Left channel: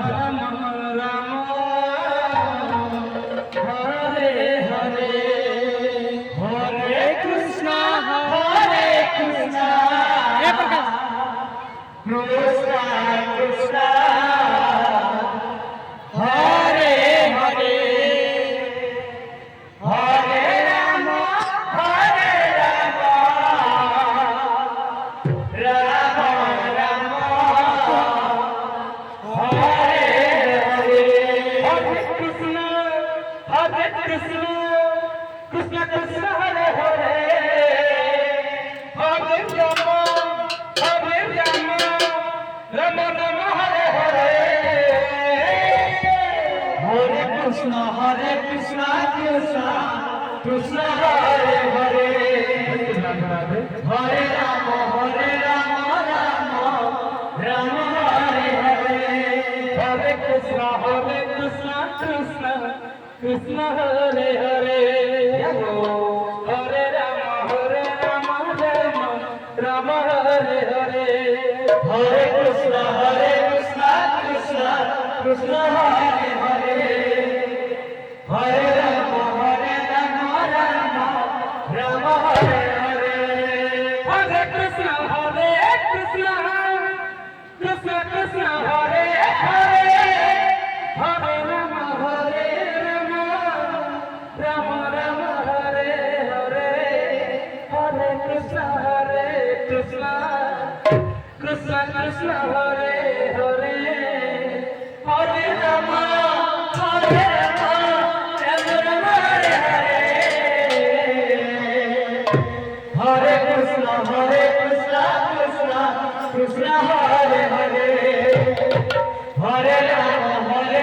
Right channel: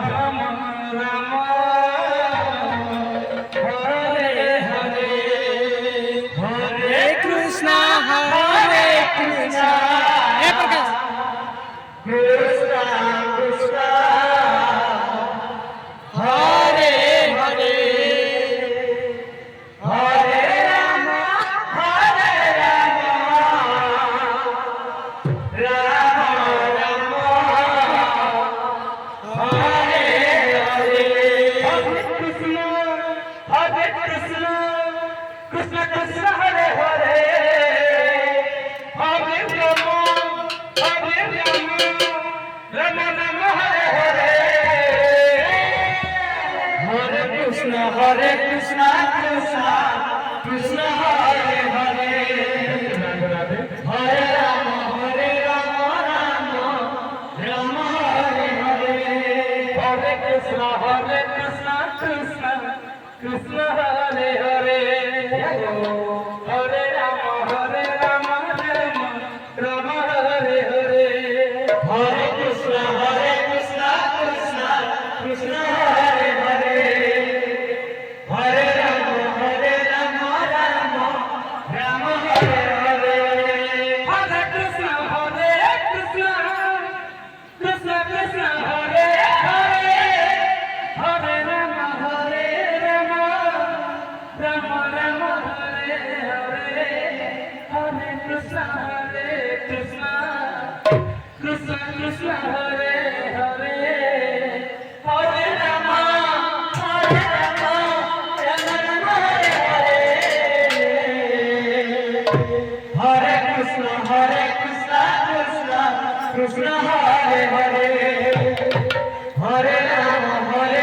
Krishna Hare Hare Hare Rama Rama Rama Hare Hare Hare Krishna Krishna Krishna Hare Hare Hare Rama Rama Rama Hare Hare Hare Krishna Krishna Krishna Hare Hare Hare Rama Rama Rama Hare Hare Hare Krishna Krishna Krishna Hare Hare Hare Rama Rama Rama Hare Hare Hare Krishna Krishna Krishna Hare Hare Hare Rama Hare Krishna Krishna Hare Hare Hare Rama Rama Hare